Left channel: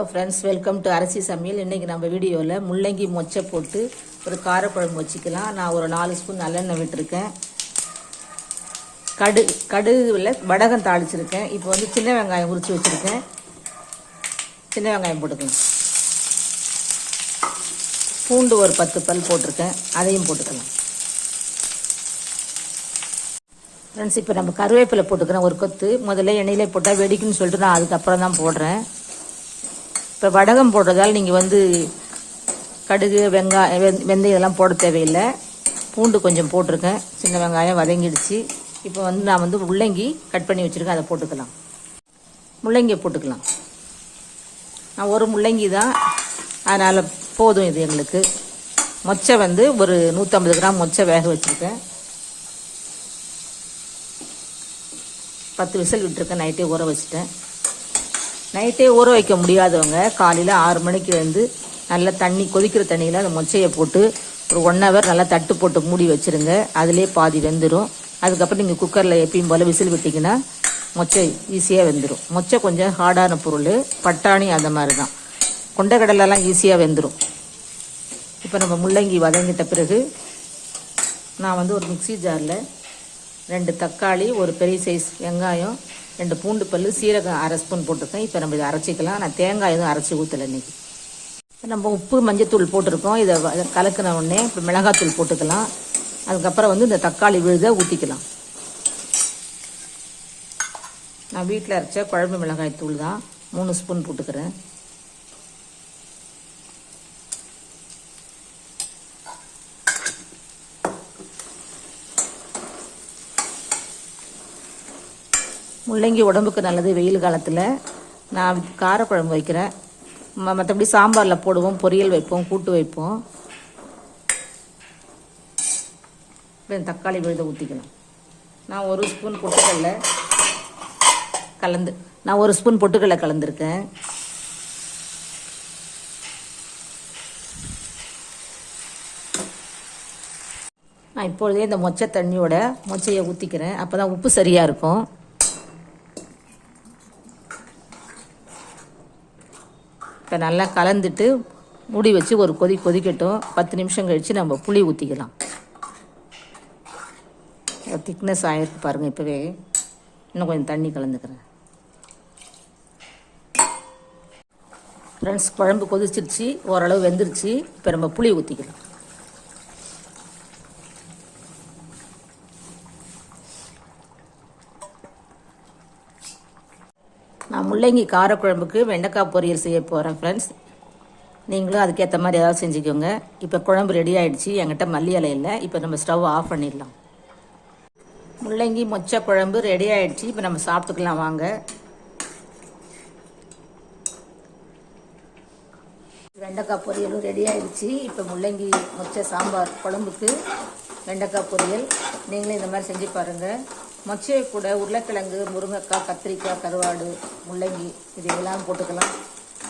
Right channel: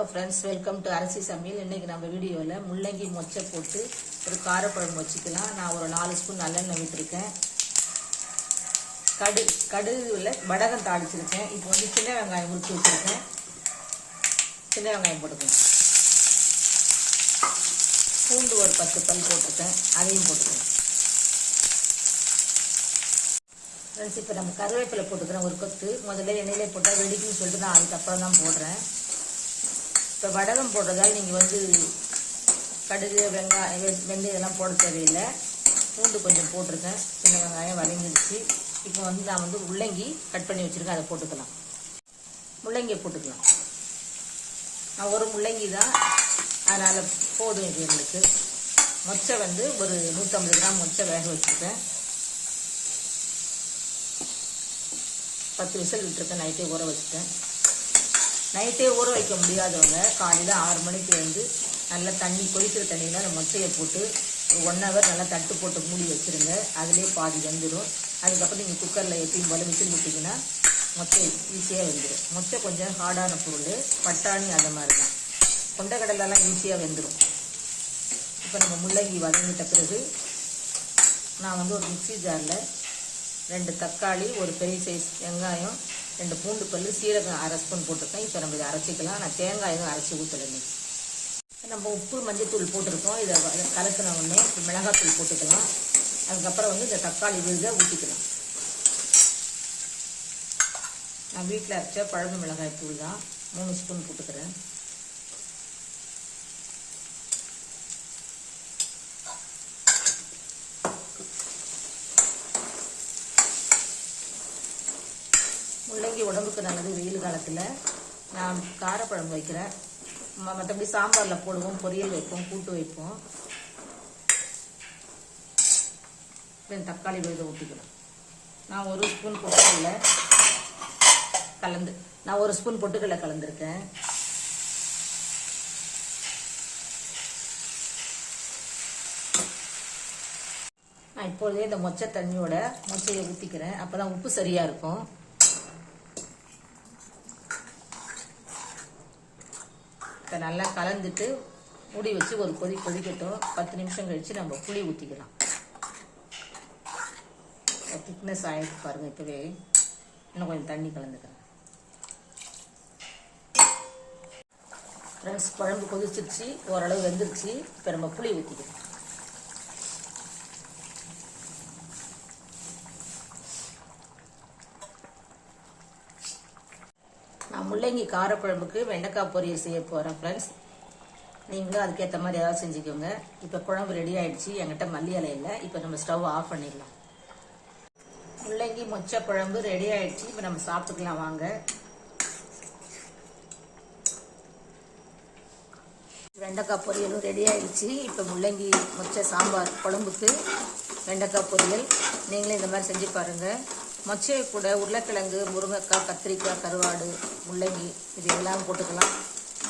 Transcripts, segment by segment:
Hello friends welcome to அரிசி சமையல் இன்றைக்கி நம்ம வீடியோவில் முள்ளங்கி மொச்சை போட்டு ஒரு காரக்குழம்பு வச்சுக்கலாம். நான் ஒரு நாலு ஸ்பூன் நல்லெண்ணெய் விட்டுருக்கேன். கடு கடுகுல வடகம் தாளிச்சிருக்கேன். இப்போ வந்து சின்ன வெங்காயம் உரித்து வச்சுருக்கேன். சின்ன வெங்காயம் போட்டுக்கோங்க. பூண்டு ஒரு பத்து பல் போட்டிருக்கேன். அதையும் போட்டுக்கலாம். ஃப்ரெண்ட்ஸ் இப்போ நம்ம கருவேப்பிலை போட்டுக்கிறேன். ஒரு கொத்து. முதல்ல எண்ணெயிலே போட்டால் வெடிக்குன்னு சொல்லிட்டு நான் அதுக்கப்புறம் தான் போடுறேன். இப்போ வடகம் போடுறதால் நீங்கள் வந்து கடுகு வெங்காயம் வெந் வெந்தயம் இதெல்லாம் போட தேவையில்லை. பூண்டு கொஞ்சம் போட்டிருக்கேன். சின்ன வெங்காயம் வதங்கிடுச்சு. இப்போ வந்து நான் வந்து முள்ளங்கி கட் பண்ணி வச்சுருக்கேன். அதை போட்டுக்கலாம். முள்ளங்கியை போட்டுக்கலாம். நான் ஒரு முள்ளங்கி தான். அதனால் போதும் இது எங்களுக்கு. மொச்சை வந்து ஒரு நூற்றம்பது கிராம் மொச்சை வேக வச்சுருக்கேன். பத்து விசில் விட்டுருக்கேன். நைட்டே ஊற வச்சுட்டேன். நைட்டே ஊற வைக்க முடியாதவங்க காலையில் ஆறு மணிக்கு வந்து நல்லா தண்ணி கொதிக்கிற தண்ணியில் அந்த மொச்சையை போட்டு ஒரு ஒன் ஹவர் நல்லா தட்டு போட்டு மூடி வச்சுருங்க. அதிலே பாதி வெந்துடும் அதுக்கப்புறம் நீங்கள் குக்கரில் எப்பயும் போல் விசில் விட்டிங்கன்னா மொச்சை ஈஸியாக வெந்துடும் மொச்சை கொஞ்சம் ஹார்டான பொருள். பட்டாணி அந்த மாதிரி தான் கொண்டக்கடலெல்லாம் ஈஸியாக வெந்துடும் இப்போ நம்ம முள்ளங்கி வதங்கிட்ட பிறகு நான் வந்து ஒரு மிக்ஸி ஜாரில் ரெண்டு தக்காளி ஒரு பெரிய சைஸ் வெங்காயம் ரெண்டு பூண்டு பல் சீரகம் அரை ஸ்பூன் போட்டிருக்கேன். இப்போ நம்ம இதை அரைச்சிக்கலாம். நான் தேங்காய் எதுவும் அரைச்சி ஊற்றலை இன்னைக்கு. நம்ம உப்பு மஞ்சத்தூள் போட்டிருக்கோம். இதை இதை கலக்கின உடனே இப்போ மிளகாத்தூள் போட்டுக்கலாம். அதுக்கப்புறம் வந்து இந்த தக்காளி விழுத ஊற்றிக்கலாம் நான் வீட்டில் அரைச்ச குழம்பு மிளகாய் தூள் தான். மூணு ஸ்பூன் போட்டுக்கிறேன். முள்ளங்கி உடம்புக்கு நல்லது வெயில் காலத்தில். நான் காரக்குழம்பு வைக்கிறேன். மற்றபடி சாம்பாரில் போடுவோம் பொரியல் வைப்போம் கூட்டு வைப்போம். தக்காளி விழுத ஊற்றிக்கணும் நான் ஒரு ஸ்பூன் பொட்டுக்கல்ல கலந்து நான் ஒரு ஸ்பூன் பொட்டுக்கல்ல கலந்துருக்கேன். நான் இப்பொழுதே இந்த மொச்சை தண்ணியோட மொச்சையை ஊற்றிக்கிறேன் அப்போ தான் உப்பு சரியாக இருக்கும். இப்போ நல்லா கலந்துட்டு மூடி வச்சு ஒரு கொதி கொதிக்கட்டும். பத்து நிமிஷம் கழித்து நம்ம புளி ஊற்றிக்கலாம் திக்னஸ் ஆகிருக்கு பாருங்கள் இப்போவே. இன்னும் கொஞ்சம் தண்ணி கலந்துக்கிறேன். ஃப்ரெண்ட்ஸ் குழம்பு கொதிச்சிருச்சு. ஓரளவு வெந்துருச்சு. இப்போ நம்ம புளி ஊற்றிக்கலாம் முள்ளங்கி காரக்குழம்புக்கு வெண்டைக்காய் பொரியல் செய்ய போகிறேன் ஃப்ரெண்ட்ஸ் நீங்களும் அதுக்கேற்ற மாதிரி ஏதாவது செஞ்சுக்கோங்க. இப்போ குழம்பு ரெடி ஆகிடுச்சு என்கிட்ட மல்லி இலை இல்லை. இப்போ நம்ம ஸ்டவ் ஆஃப் பண்ணிடலாம். முள்ளங்கி மொச்சை குழம்பு ரெடி ஆகிடுச்சு இப்போ நம்ம சாப்பிட்டுக்கலாம் வாங்க. வெண்டைக்காய் பொரியலும் ரெடி ஆகிடுச்சு இப்போ முள்ளங்கி மொச்சை சாம்பார் குழம்புக்கு வெண்டைக்காய் பொரியல். நீங்களும் இந்த மாதிரி செஞ்சு பாருங்கள் மொச்சையை கூட உருளைக்கிழங்கு முருங்கைக்காய் கத்திரிக்காய் கருவாடு முள்ளங்கி இது எல்லாம் போட்டுக்கலாம்.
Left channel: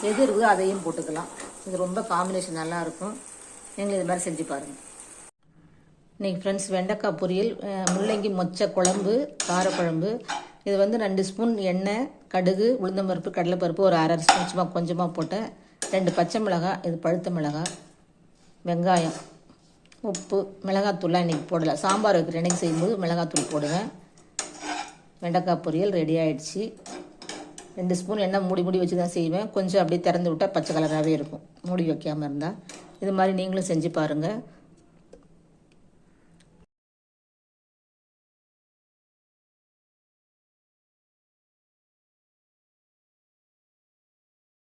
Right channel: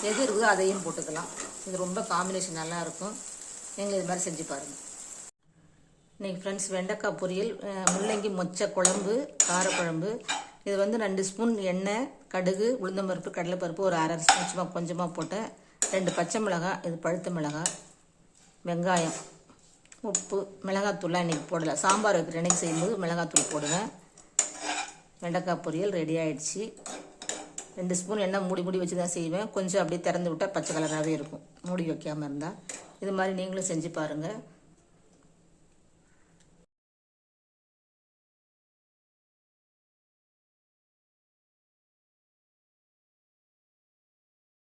எது இருக்குதோ அதையும் போட்டுக்கலாம். இது ரொம்ப காம்பினேஷன் நல்லா இருக்கும் இது மாதிரி செஞ்சு பாருங்கள் இன்றைக்கி ஃப்ரெண்ட்ஸ் வெண்டைக்காய் பொரியல் முள்ளங்கி மொச்சை குழம்பு காரக்குழம்பு. இது வந்து ரெண்டு ஸ்பூன் எண்ணெய் கடுகு உளுந்தம்பருப்பு கடலைப்பருப்பு ஒரு அரை ஸ்பூன் சும்மா கொஞ்சமாக போட்டேன். ரெண்டு பச்சை மிளகாய் இது பழுத்த மிளகாய் வெங்காயம் உப்பு மிளகாத்தூள்லாம் இன்றைக்கி போடலை. சாம்பார் வைக்கிற அன்னைக்கு செய்யும்போது மிளகாத்தூள் போடுவேன். வெண்டைக்காய் பொரியல் ரெடி ஆயிடுச்சு. ரெண்டு ஸ்பூன் எண்ணெய் மூடி மூடி வச்சு தான் செய்வேன். கொஞ்சம் அப்படியே திறந்து விட்டால் பச்சை கலராகவே இருக்கும். மூடி வைக்காமல் இருந்தால் இது மாதிரி நீங்களும் செஞ்சு பாருங்கள்